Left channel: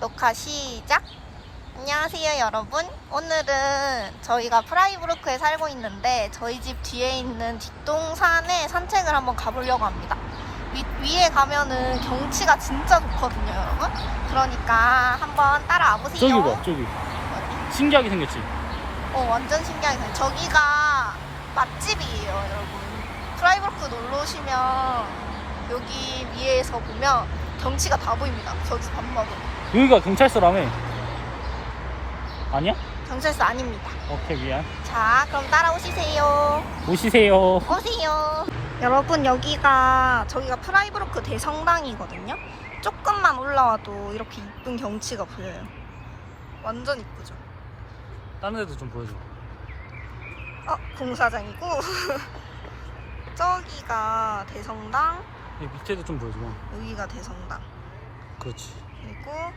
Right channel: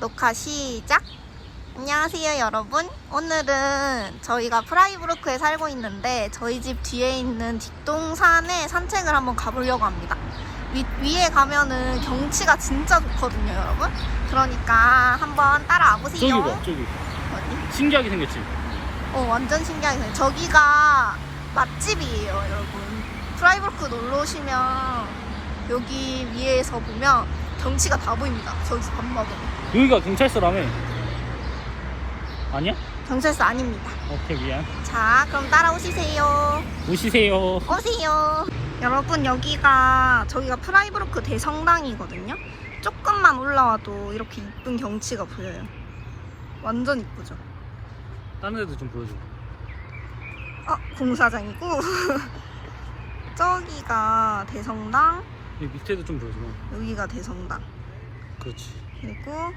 녹화 시작! 안녕하세요 여러분. 오늘은 저희가 프라이브루크에 살고 있는데 저희 집 뒤에 있는 뒷동산에 산책을 한번 가보려고 합니다. 위, 위에 가면은 경치가 진짜 좋거든요 여러분. 그러니까 한번 따라와 저기 보세요. 봐 저기. 어디? 신기하게 생겼지? 어 완전 신기하게 생겼어요 저기가 맛집이에요 여러분. 프라이브루크 놀러 오시면 여기 위에서 보면 경치가 다 보입니다. 저기 밥 먹으면 여기가 경찰서라며 아니야? 경찰서 아닙니다 오케이 미안 자, 그럼 따라오시세요. 오시세요 오세요. 여러분, 여기가, 저기가 프라이브로크 대성당이거든요? 조금만 올라와도 이렇게 이쁜 경치가 보여요. 완전 이쁘죠? 다른 애도 좀 보여줘 어, 공사장이고. 저기가 대성당, 이 밑에도 좀 보여줘 여기가 대성당. 그렇지 그리고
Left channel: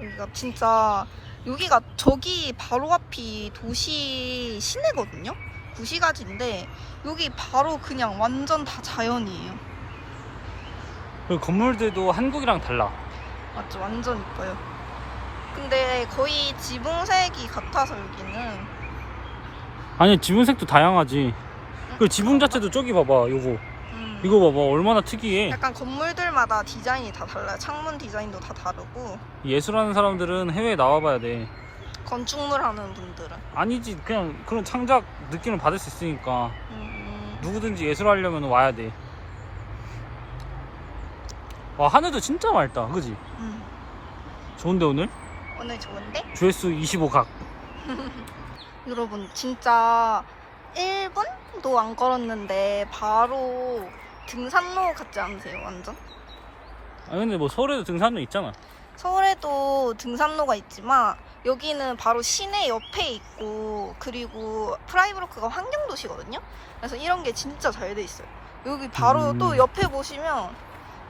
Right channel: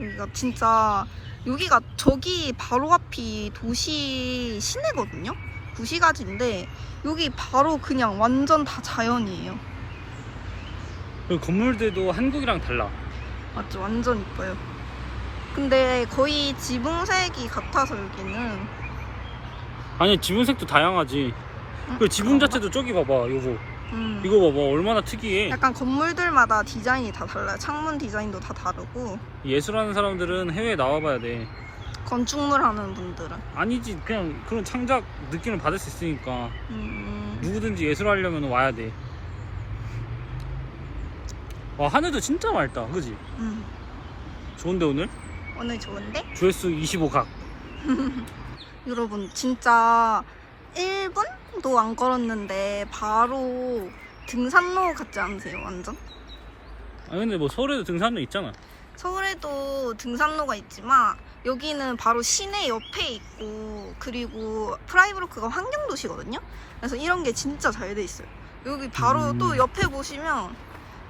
여기가 진짜, 여기가 저기 바로 앞이 도시 시내거든요? 구시가지인데, 여기 바로 그냥 완전 다 자연이에요. 그 건물들도 한국이랑 달라 맞죠? 완전 이뻐요. 근데 거의 지붕색이 같아서 여기는 아니 지붕색도 다양하지 그 지붕 자체도 저기 봐봐 요거 음, 이거 봐봐 얼마나 특이해 약간 건물들마다 디자인이 다 달라요. 창문 디자인도 다 다르고 예술하는 사람들은 해외에 나와봐야 돼 건축물 하는 분들은 아니지 그냥 그런 창작 느낌을 받을 수 있으니까 음, 누구든지 예술하려면 와야 돼. 와 하늘도 진짜 맑다, 그지? 음. 좋은데 오늘? 오늘 좋은데? 조회수 25각. 여러분 진짜 1분도 안 걸었는데 바로 등산로 같지 않으세요? 완전? 아 근데 뭐 서울에도 등산로 있잖아. 서울에도 등산로가 있지만 여기는 바로 시내 옆에 있고 그리고 프라이브로크가 환경도시거든요. 그래서 이런 게 진짜 잘 돼 있어요. 여기 바로 음. 또 옆에 보시면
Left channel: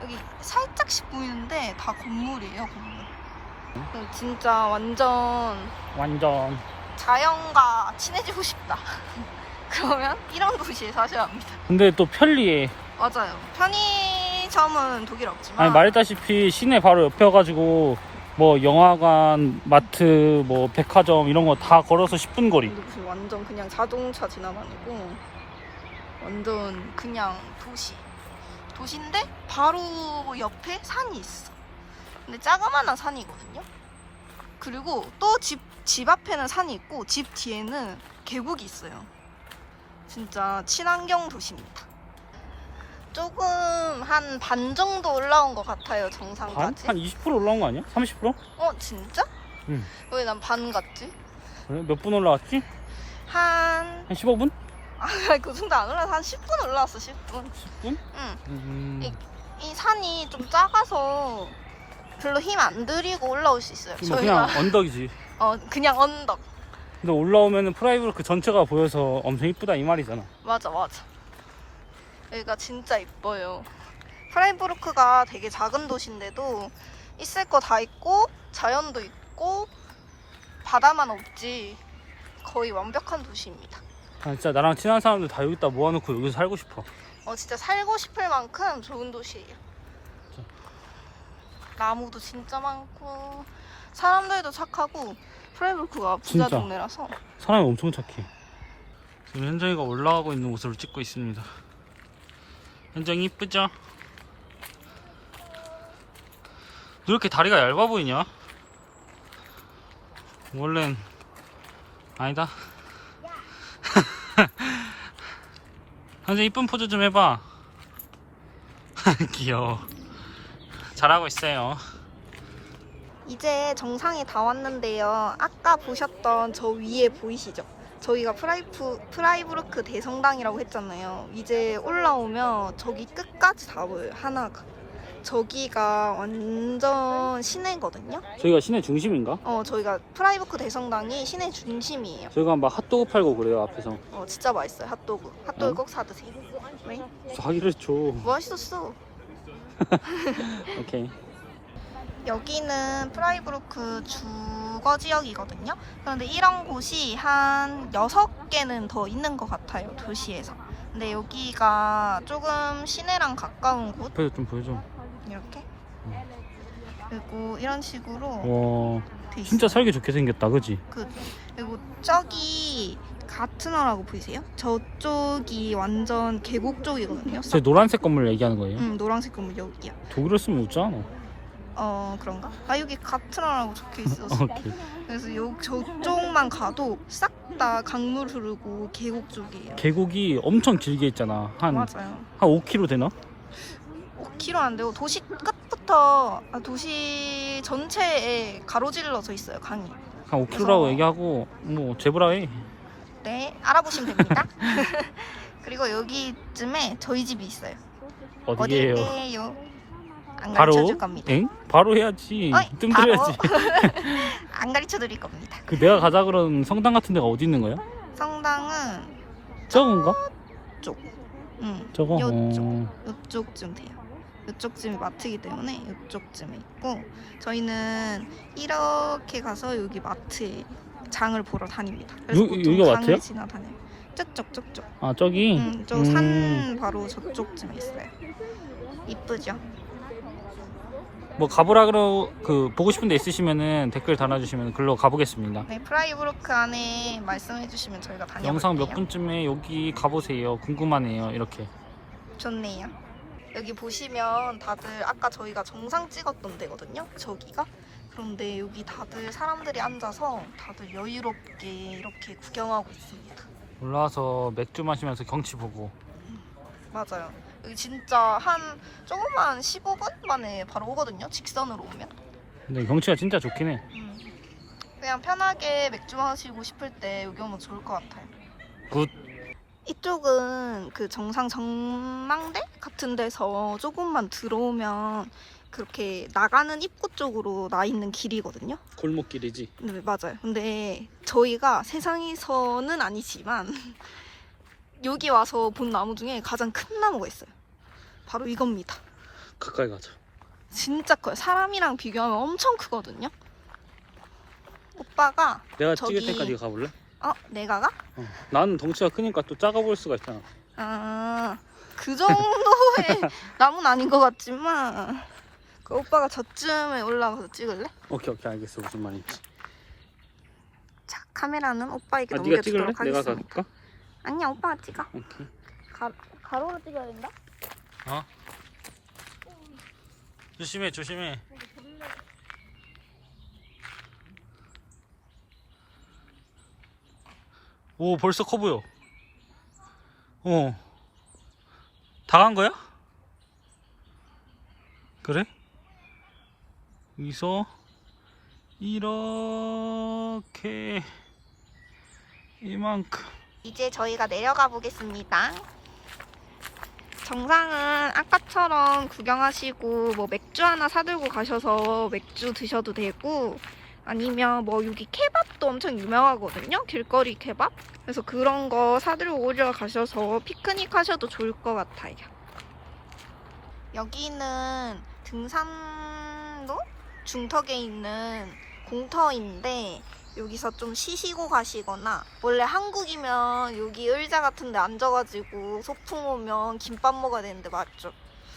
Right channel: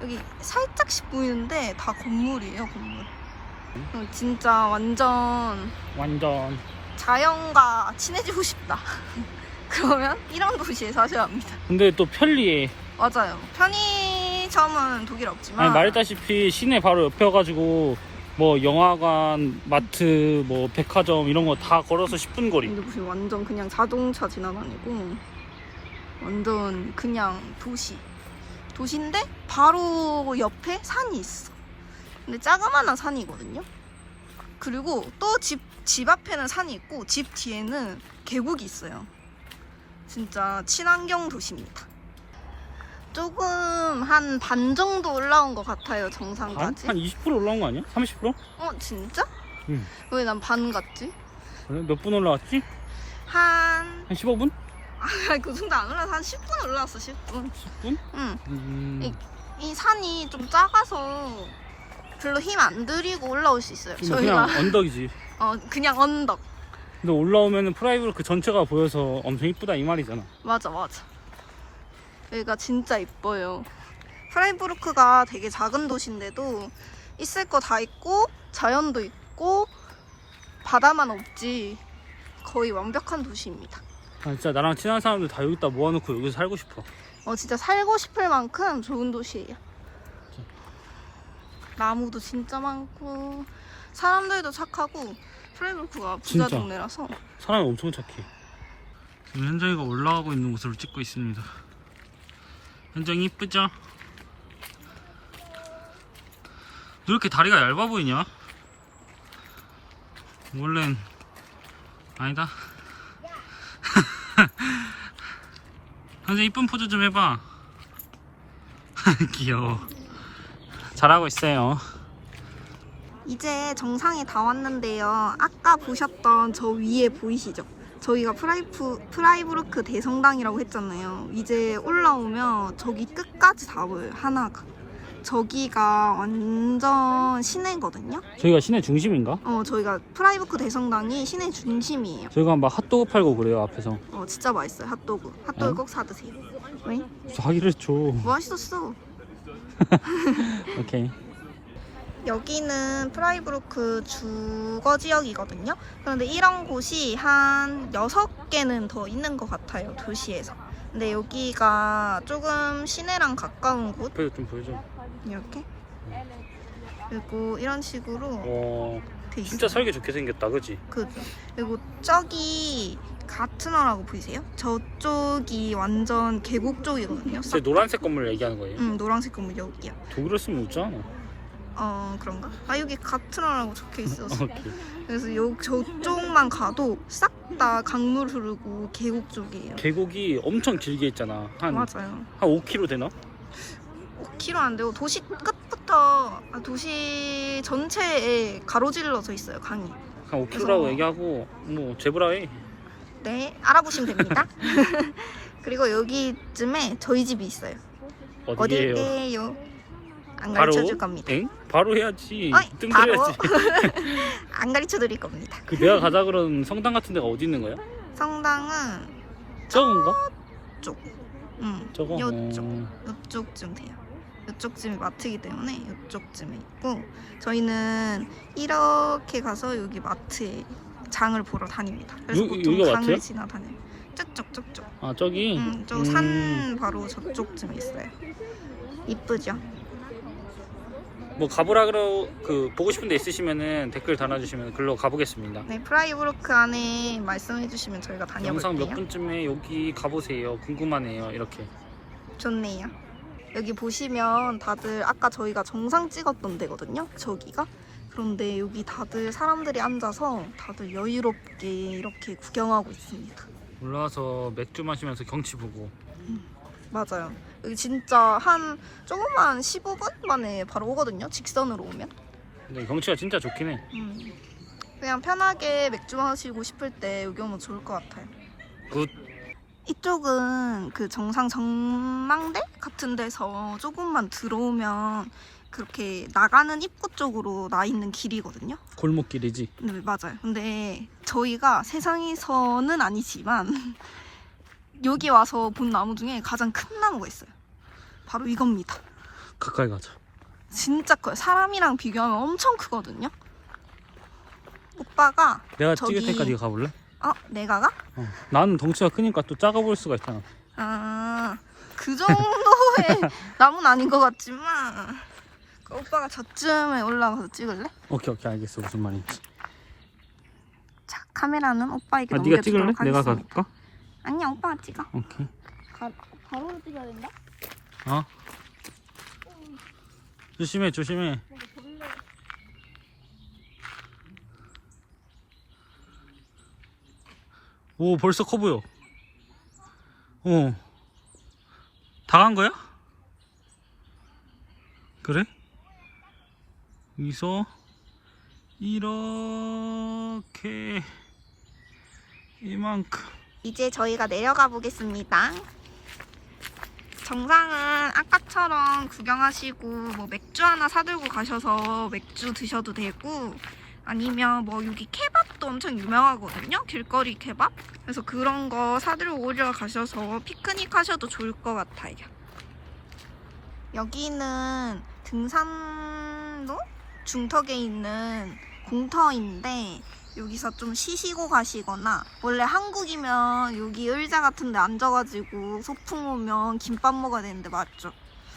여기 살짝씩 보이는데 다 건물이에요, 건물. 진짜 완전 완전. 자연과 친해지고 싶다. 그러면 이런 도시에 사셔야 합니다. 근데 또 편리해. 맞아요. 편의점은 독일 없지만 아니 말했다시피 시내 바로 옆에가지고 뭐 영화관, 마트, 뭐 백화점 이런 거 다 걸어서 10분 거리. 근데 무슨 완전 그냥 자동차 지나다니고 완전 그냥 도시 도시인데 바로 옆에 산이 있어 근데 자그마한 산이거든요 그리고 또 집 집 앞에는 산이 있고 집 뒤에는 계곡이 있어요 진짜 친환경 도시입니다 조금 한 반 정도 올라온 것 같아요 한, 정상까지 한 20% 올라온 거 아니야? 30%? 어 진짜? 응. 왜 난 반 같지? 몇 분 올라왔지? 한 한 15분? 아, 그 정도 안 올라서 한 10분 올라왔어, 10분. 10분? 응. 음, 이, 이 산이 좀 작아서 별로 힘 안 들이고 올라올 수 있어요. 그냥 저희가, 언덕이지. 어, 그냥 언덕. 근데 올라오면은 프라이브로 그 전체가 보여서 엄청 이쁘다 이 말이잖아. 맞아, 맞아. 여기가 진짜 이뻐요. 프라이브루크가 되게 작은 도시인데도 있을 거 다 있고, 자연도 있고, 바다만 없지. 거의 완벽한 도시입니다. 아, 진짜 나랑 친한 사람들 다 여기다 모아놓고 여기서 살고 싶어. 어, 진짜 살고 싶을 만큼 좋은 도시예요. 나무도 진짜 많고 사람들도 착하고 프레브크가 부자 진짜. 동네라서 사람이 엄청 착해. 지금 현정이가 올라가고 있는 모습을 찍고 있습니다. 현정이 이쁘죠? 왜 이렇게 다리가 얇아 보이냐? 원래는 아니다. 현정 이쁜 포즈 좀 해봐. 귀여워. 잘하고 있어요. 이제 정상에 다 왔는데요. 아까 보셨던 저 위에 보이시죠? 저희가 프라이프, 프라이브루크 대성당이라고 했잖아요. 이제 올라오면 저기 끝까지 다 보여요. 하나가. 저기가 완전 시내거든요. 저희가 시내 중심인가? 어, 저희가 프라이브루크 대성당이 시내 중심이에요. 저희가 막 핫도그 팔고 그래요 앞에서. 어, 진짜 맛있어요. 핫도그. 핫도그 꼭 사드세요. 왜? 자기를 줘. 맛있었어. 오케이. 여기는 프라이브루크 주거 지역이거든요. 그런데 이런 곳이 한 6개는 더 있는 것 같아요, 도시에서. 근데 여기가 조금 시내랑 가까운 곳? 앞에서 좀 보여줘. 이렇게? 그리고 이런 식으로 어, 돼 있어요. 진짜 살기 좋게 생겼다, 그지? 그죠. 그리고 저기 가트너라고 보이세요? 저쪽이 완전 계곡 쪽이거든요. 저 싹. 노란색 건물 얘기하는 거예요. 응, 노란색 건물 여기야. 독일어 쓰면 웃잖아. 어, 그런가? 아, 여기 가트너라고 적혀 있어서. 그래서 요 저쪽만 가도 싹 다 강물 흐르고 계곡 쪽이에요. 계곡이 엄청 길게 있잖아. 한, 맞아요. 한 5km 되나? 5km 안 되고 도시 끝부터 아, 도시 전체에 가로질러져 있어요 강이. 한 5km라고 그래서- 얘기하고, 뭐, 제브라해. 네, 알아보시면 됩니다. 그리고 여기쯤에 저희 집이 있어요. 어디에요? 어딜게요? 안? 가르쳐 줄 겁니다. 엥? 바로 해야지. 어이, 뜸 바로. 안 가르쳐 드릴 겁니다. 그 내가 가자 그런 성당 같은 데가 어디 있는 거야? 성당은 저건가? 쪽, 응, 저거? 요쪽, 어, 요쪽쯤 돼요. 요쪽쯤이 마트이기 때문에 요쪽쯤에 있고 저희는 이렇게 가서 여기 마트에 장을 보러 다닙니다. 그래서 여기- 보통 여기가 장을 마트야? 지나다녀요. 저쪽 저쪽. 아, 저기? 음, 저 음. 산 바로 저쪽쯤에 있어요. 이쁘죠? 뭐 가보라 그러 그 보고 싶은 데 있으시면은 댓글 달아주시면 글로 가보겠습니다. 네, 프라이브로크 안에 말씀해 주시면 저희가 영상 몇 다녀볼게요. 분쯤에 여기 가보세요. 궁금하네요. 이렇게. 좋네요. 여기 보시면 다들 아까 저희가 정상 찍었던 데거든요. 저기가. 그런데 여기 다들 사람들이 앉아서 다들 여유롭게 이렇게 구경하고 있습니다. 올라와서 맥주 마시면서 경치 보고. 맞아요. 여기 진짜 한 조금만 15분 만에 바로 오거든요. 직선으로 오면. 근데 경치가 진짜 좋긴 해. 음. 그냥 편하게 맥주 마시고 싶을 때 여기 오면 좋을 것 같아요. 굿. 이쪽은 그 정상 전망대 같은 데서 조금만 들어오면 그렇게 나가는 입구 쪽으로 나 있는 길이거든요. 골목길이지. 네, 맞아요. 근데 저희가 세상에서는 아니지만 여기 와서 본 나무 중에 가장 큰 나무가 있어요. 바로 이겁니다. 가까이 가자. 진짜 커요. 사람이랑 비교하면 엄청 크거든요. 오빠가 내가 저기- 찍을 때까지 가볼래? 어 내가 가? 어. 나는 덩치가 크니까 또 작아 보일 수가 있잖아. 아, 그 정도의 나무는 아닌 것 같지만 그 오빠가 저쯤에 올라가서 찍을래? 오케이 오케이 알겠어 무슨 말인지. 자, 카메라는 오빠에게 아, 네가 넘겨주도록 찍을래? 내가 하겠습니다. 가볼까? 아니야, 오빠가 찍어. 오케이. 가, 가로로 찍어야 된다? 어? 조심해 조심해. 오 벌써 커 보여. 어. 다 간 거야? 그래? 여기서 이렇게 이만큼 이제 저희가 내려가 보겠습니다. 정상은 아까처럼 구경하시고 뭐 맥주 하나 사들고 가셔서 맥주 드셔도 되고 아니면 뭐 여기 케밥도 엄청 유명하거든요. 길거리 케밥. 그래서 그런 거 사들고 오려 가셔서 피크닉 하셔도 좋을 것 같아요. 여기는 등산로 중턱에 있는 공터인데 여기서 좀 쉬시고 가시거나 원래 한국이면 여기 의자 같은 데 앉아가지고 소풍 오면 김밥 먹어야 되는데 맞죠?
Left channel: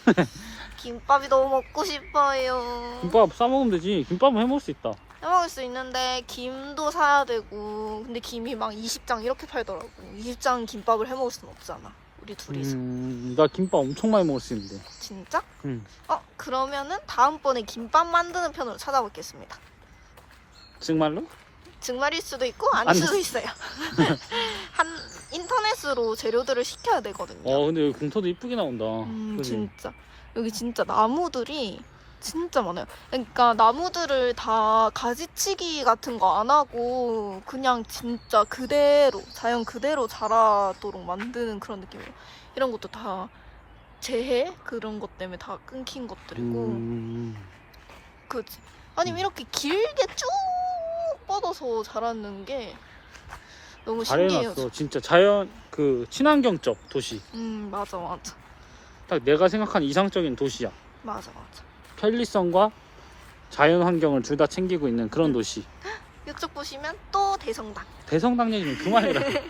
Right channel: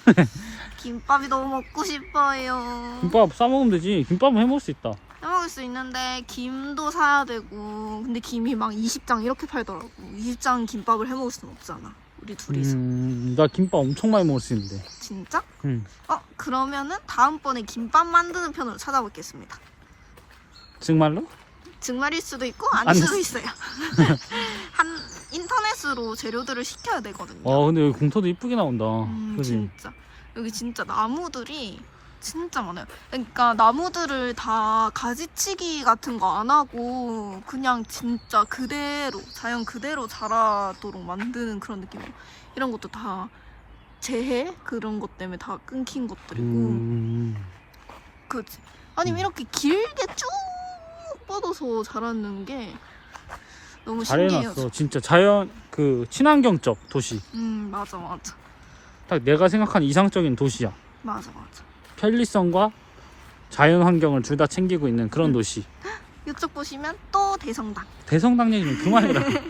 김밥이 너무 먹고 싶어요. 김밥 싸먹으면 되지. 김밥은 해먹을 수 있다. 해먹을 수 있는데 김도 사야 되고 근데 김이 막 20장 이렇게 팔더라고. 20장 김밥을 해먹을 순 없잖아. 우리 둘이서. 음, 나 김밥 엄청 많이 먹을 수 있는데. 진짜? 음. 어 그러면은 다음번에 김밥 만드는 편으로 찾아보겠습니다. 정말로? 정말일 수도 있고 아닐 수도 수- 있어요. 한 인터넷으로 재료들을 시켜야 되거든요. 와 근데 여기 공터도 이쁘게 나온다. 음 그지? 진짜 여기 진짜 나무들이 진짜 많아요. 그러니까 나무들을 다 가지치기 같은 거 안 하고 그냥 진짜 그대로 자연 그대로 자라도록 만드는 그런 느낌이에요. 이런 것도 다 재해 그런 것 때문에 다 끊긴 것들이고 음, 그치. 아니면 이렇게 길게 쭉 뻗어서 자라는 게 너무 신기해요. 잘해놨어. 진짜 자연 그 친환경적 도시. 음 맞아 맞아 딱 내가 생각한 이상적인 도시야. 맞아 맞아. 편리성과 자연 환경을 둘 다 챙기고 있는 그런 음. 도시. 이쪽 보시면 또 대성당. 대성당 얘기는 그만해.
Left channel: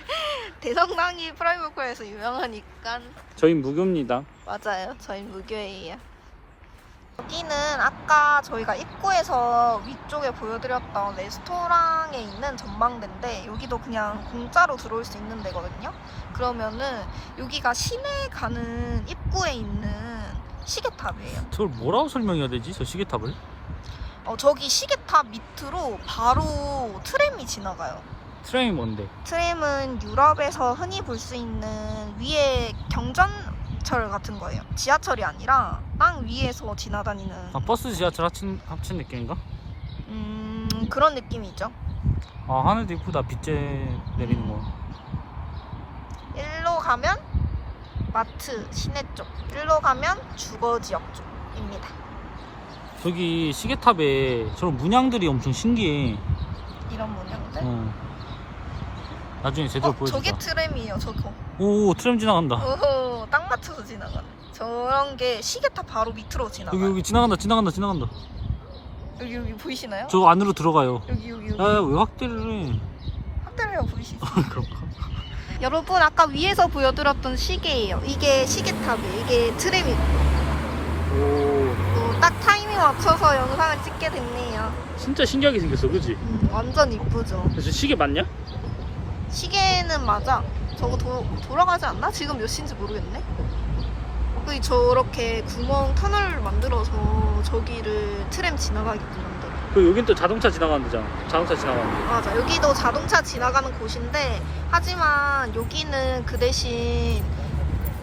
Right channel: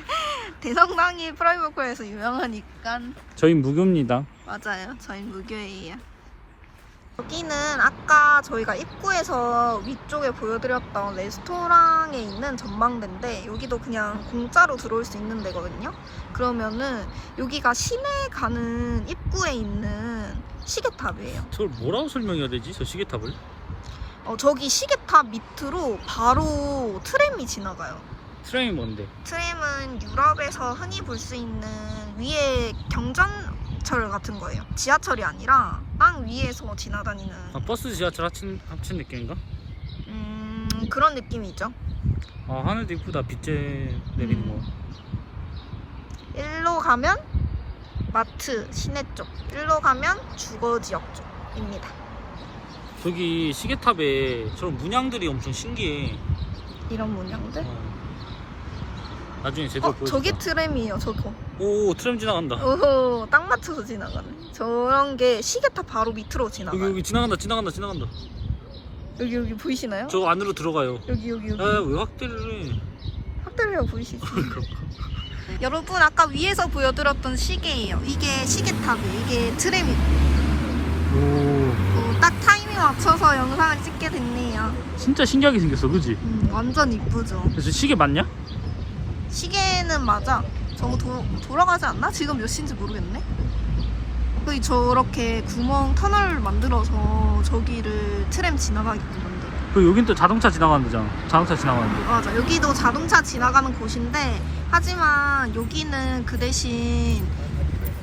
대성당이 프라이버코에서 유명하니까 저희 무교입니다. 맞아요. 저희 무교예요. 여기는 아까 저희가 입구에서 위쪽에 보여드렸던 레스토랑에 있는 전망대인데 여기도 그냥 공짜로 들어올 수 있는 데거든요. 그러면은 여기가 시내 가는 입구에 있는 시계탑이에요. 저걸 뭐라고 설명해야 되지? 저 시계탑을? 어, 저기 시계탑 밑으로 바로 트램이 지나가요. 트레인 뭔데? 트램은 유럽에서 흔히 볼 수 있는 위에 경전 철 같은 거예요. 지하철이 아니라 땅 위에서 지나다니는 아 버스 지하철 합친, 합친 느낌인가? 음, 그런 느낌이죠. 아 하늘도 이쁘다 빛재 내리는 음. 거 일로 가면 마트 시내 쪽, 일로 가면 주거 지역 쪽입니다. 저기 시계탑에 저런 문양들이 엄청 신기해 이런 문양들. 어. 나중에 제대로 어, 보여줄까? 저게 트램이에요, 저거. 오 트램 지나간다 오호, 딱 맞춰서 지나가네. 저런 게 시계탑 바로 밑으로 여기 지나가요. 여기 지나간다 지나간다 지나간다 여기 여기 보이시나요? 저 안으로 들어가요 여기 여기 여기. 야왜 확대를 해 확대를 보이시죠? 그런가 여러분 아까 위에서 보여드렸던 시계예요. 이게 시계탑이에요. 이게 트램이고 오딱 타이밍 맞춰서 영상을 찍게 됐네요. 진짜 신기하게 생겼어 그지? 음, 완전 이쁘죠. 그래서 시계 맞냐? 시계는 맞아. 저거 도, 돌아가지 않나? 지금 몇 시인지 모르겠네. 그 저렇게 구멍 터널 만들어서 저기를 트램 지나가게끔 만들어요. 그 여긴 또 자동차 지나가는 데잖아 자동차 지나가는 거 맞아. 여기도 자동차 지나가는 곳인데 하지만 여기는 그 대신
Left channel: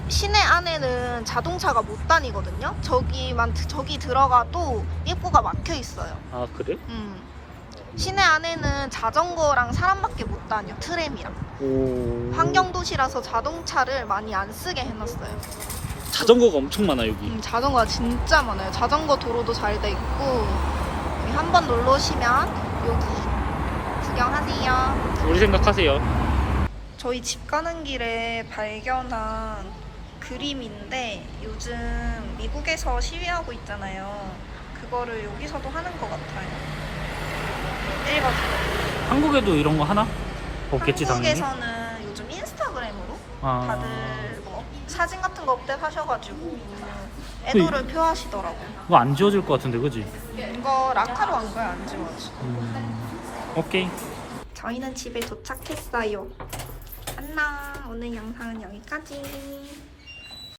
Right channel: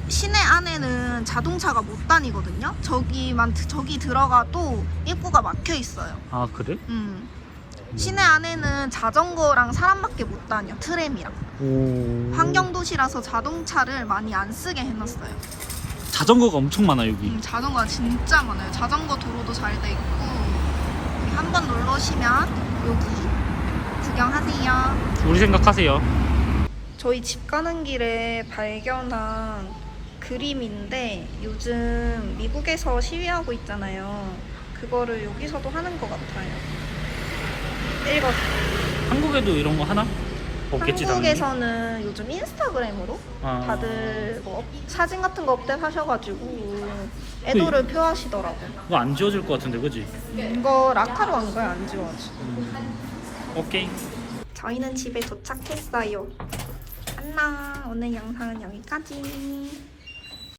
시내 안에는 자동차가 못 다니거든요. 저기만 저기 들어가도 입구가 막혀 있어요. 아 그래? 음. 시내 안에는 자전거랑 사람밖에 못 다녀. 트램이랑. 오 환경 도시라서 자동차를 많이 안 쓰게 해놨어요. 자전거가 엄청 많아 여기 음, 자전거가 진짜 많아요. 자전거 도로도 잘 돼 있고 한 번 놀러 오시면 여기 구경하세요. 우리 생각하세요 저희 집 가는 길에 발견한 그림인데 요즘 미국에서 시위하고 있잖아요. 그거를 여기서도 하는 것 같아요. 읽어주세요. 한국에도 이런 거 하나? 없겠지 당연히 한국에서는 요즘 인스타그램으로 아. 다들 뭐 업- 사진 같은 거 업데이트 하셔가지고 애도를 표하시더라고. 이거 안 지워질 것 같은데 그지? 이거 라카로 한 거야 안 지워져. 음, 오케이 저희는 집에 도착했어요. 안녕. 오늘 영상은 여기까지.